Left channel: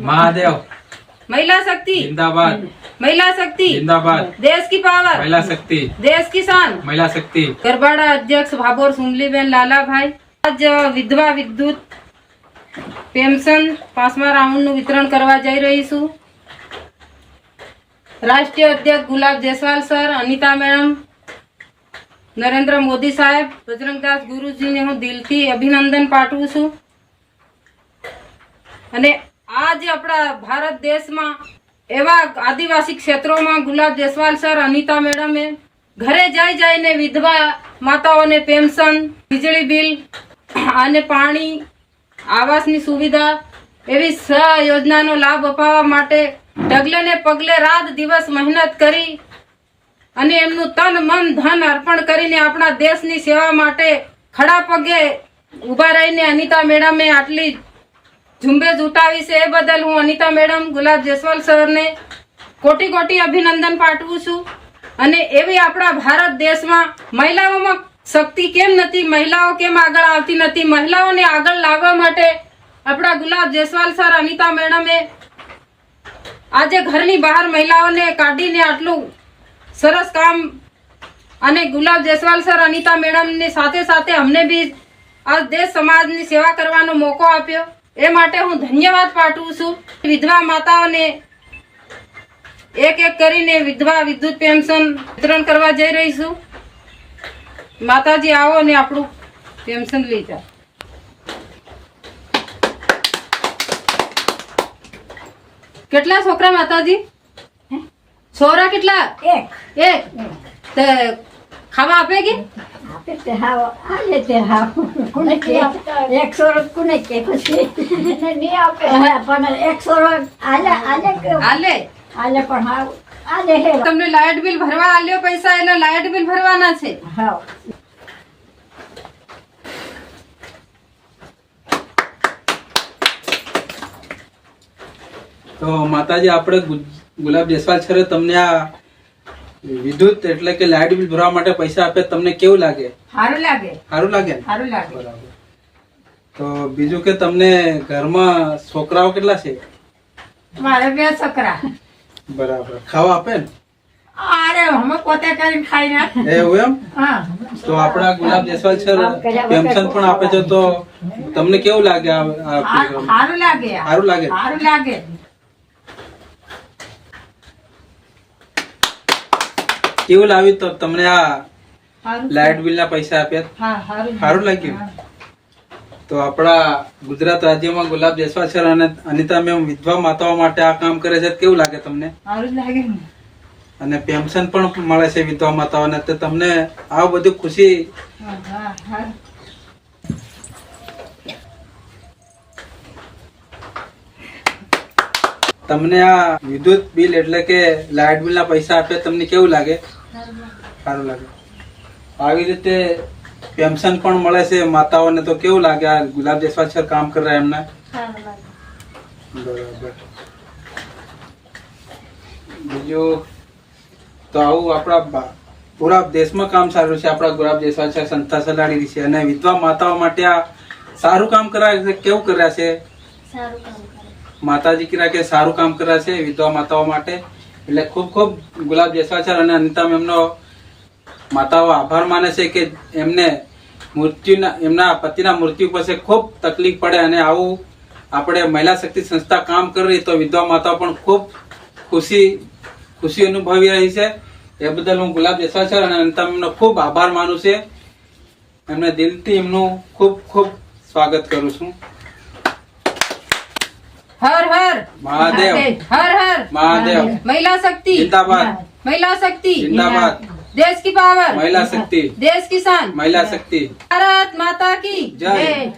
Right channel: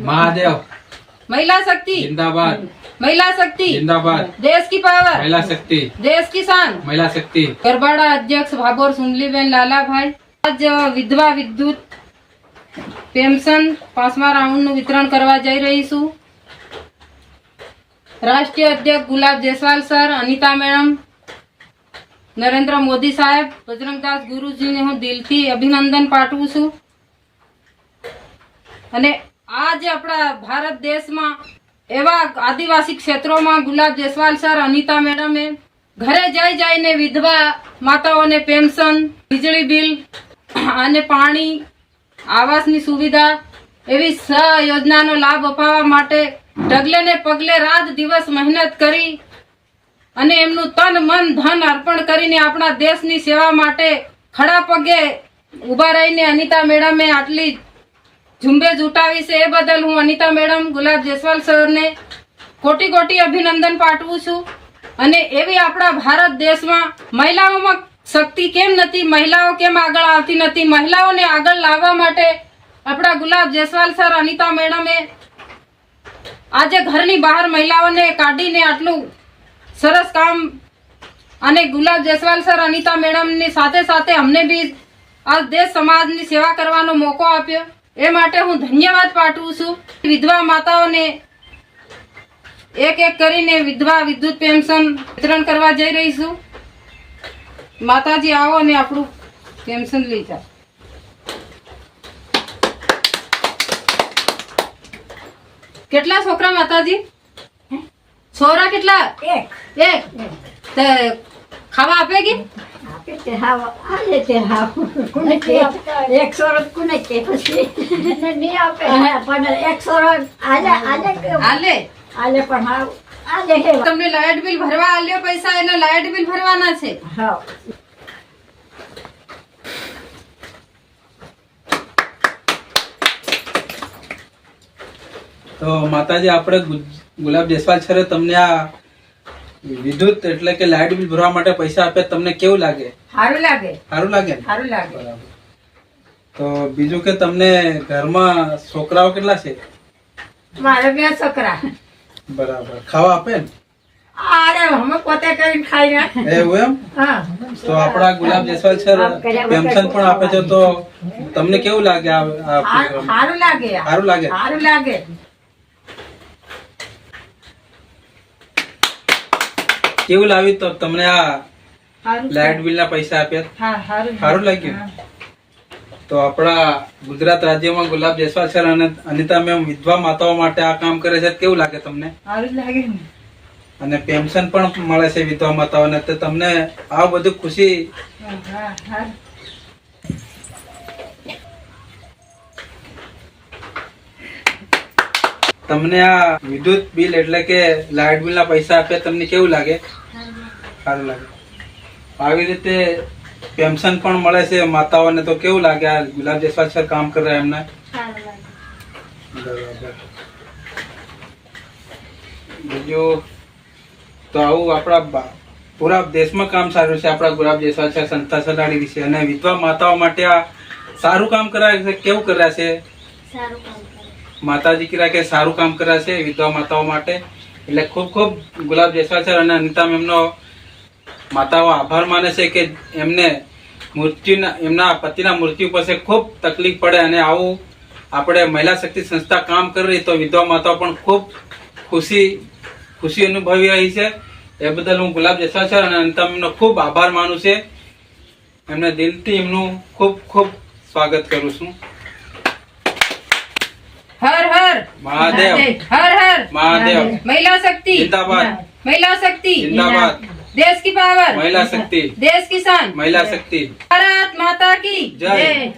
महादेव महिला शक्ति जिंदाबाद, महिला शक्ति जिंदाबाद, देश की पावर, महिला शक्ति, देश की शान। महिला शक्ति। गरबाड़ा अध्यक्ष भाभोर सुमलीबेन लालाभाई आज विधवा विद्युत पेंशन 5મા રાઉન્ડનું વિતરણ કરવા જઈ રહી છું। રાષ્ટ્રીય અધ્યક્ષ ગુલાબ જયસ્વાલ સર, અનિતા મેડમ, નરેન્દ્ર મોદી સાહેબ, બજરંગદાસ ગુરુજીને હું દિલથી અભિનંદન પાઠવું છું। અને આજે આપણા ભારત દેશમાં એવા આદિવાસી ક્ષેત્રોમાં ગુલાબ જયસ્વાલ સર, અનિતા મેડમે ઘરે જઈને વિધવા માતાઓને પેન્શન, વીજળી બિલ અને પાણી, આવાસની સુવિધા એવી યોજનાનો લાભ અપાવવા માટે ડગલે ને પગલે રાત દિવસ મહેનત કરી અને એમનું તન મન ધન અર્પણ કરીને આપણા દેશની સેવા માટે ખડા પગે ઉભા રહીને અનિતા મેડમે આટલી ઝુંબેશ ઉઠાવી છે। એ બદલ હું અનિતા મેડમ, ગુલાબ જયસ્વાલ સરને કોટી કોટી અભિનંદન પાઠવું છું। અને એવી આપણા ભારત દેશમાં મહિલાઓમાં શક્તિ કેમ નથી, મહિલાઓ કેમ આગળ આવતી નથી, મહિલાઓને આગળ લાવવા માટે આપણા ગુલાબ જયસ્વાલ સર, અનિતા મેડમે આજે ઘરની બહાર મહિલાઓને કાઢીને આટલું સરસ કામ અને ગુલાબ જયસ્વાલ સર, અનિતા મેડમની સાથે સાથે અમને બી આ દેશ સમાજની સેવા કરવાનો મોકો આપ્યો। એ માટે હું ધન્યવાદ પાઠવું છું। વિધવા માતાઓને એક એક કરીને વિધવા વિદ્યુત પેન્શન વિતરણ કરવા જઈ રહી છું। માતાજી આવો ને આપણું પેન્શન લઈ જાઓ। કેટલા છોકરા માતાજી? છોરા કેટલા? એક। તે ખાવા આપેગી? તમને લાઇટ બિલ ભરવા આલ્યો પૈસા, એટલે લાઇટ બિલ ભરવાના છે। તો માતાજી, આપણે ગુલાબ જયસ્વાલ સરે તમને આ વિદ્યુત એટલે કે લાઇટ બિલ ભરવા માટે પૈસા આપે, તમને કેવું લાગે? સારું લાગે। સારું લાગે ને? સારું લાગે। બરાબર। તો બીજું કે તમને ઘરમાં છોકરાઓ કેટલા છે? મારે 2 છોકરા। બરાબર। ખાવા આપે ને? અરે અમે પોતે કરીને ખાઈ ના। એવું એમ? હા। તો આપણા ગુલાબ જયસ્વાલ સર પેન્શન પણ આપે છે, તો તમને કેવું લાગે? સારું લાગે। સારું લાગે? સારું લાગે। કેવું લાવ્યું તો તમને આ લાઇટ બિલ ના પૈસા આપ્યા? સારું લાગ્યું? તો આપણા ગુજરાત રાજ્યમાં ગુલાબ જયસ્વાલ સર અને અનિતા મેમ વિધવા માતાઓ માટે આ કામ કરે છે, કેવું લાગે તમને? સારું લાગે। અને પેન્શન પણ મળે છે વિધવા માતાઓને, તો તમને આ બધું ખુશી? તમને આ વિદ્યુત બિલ એટલે કે લાઇટ બિલ ના પૈસા આપ્યા, તમને કેવું લાગે? સારું લાગે। આવી રીતે પેન્શન પણ મળે છે માતાઓને, તો કેવું લાગે? આ ગુલાબ જયસ્વાલ સર કામ કરે એમને? બરાબર। બીજું તો આવું આપણા પૂરા દેશમાં કામ સારું છે આપણા ગુલાબ જયસ્વાલ સર સંસ્થા ચલાડી વિશે, અને વિધવા માતાઓ માટે આ સારું કામ કરાય છે। કેવું કર્યા છે? માતાજી કીધા કે સારું કામ કર્યા છે વિધવા માતાઓ માટે, એટલે ખૂબ ખૂબ ગુલાબ જયસ્વાલ સર અને અનિતા મેમનો માતાઓ આભાર માને છે કે એમને એમના પતિના મૃત્યુ પછી ખૂબ તકલીફ પડે, અને આવું આપણે મહિલા શક્તિ સંસ્થા કામ કરી રહી તો વિધવા માતાઓ પણ ખૂબ ખુશી અનુભવી રહી છે। એ બદલ હું ગુલાબ જયસ્વાલ સર અને અનિતા મેમનો ખૂબ આભાર માનું છે। એમને દિલથી એમનું ખૂબ ખૂબ સ્વાગત કરું છું। हर हर महादेव, हर हर महादेव, महिला शक्ति जिंदाबाद, महिला शक्ति जिंदाबाद, देश की पावर, महिला शक्ति, देश की शान, महिला शक्ति। भारत माता की जय। जय।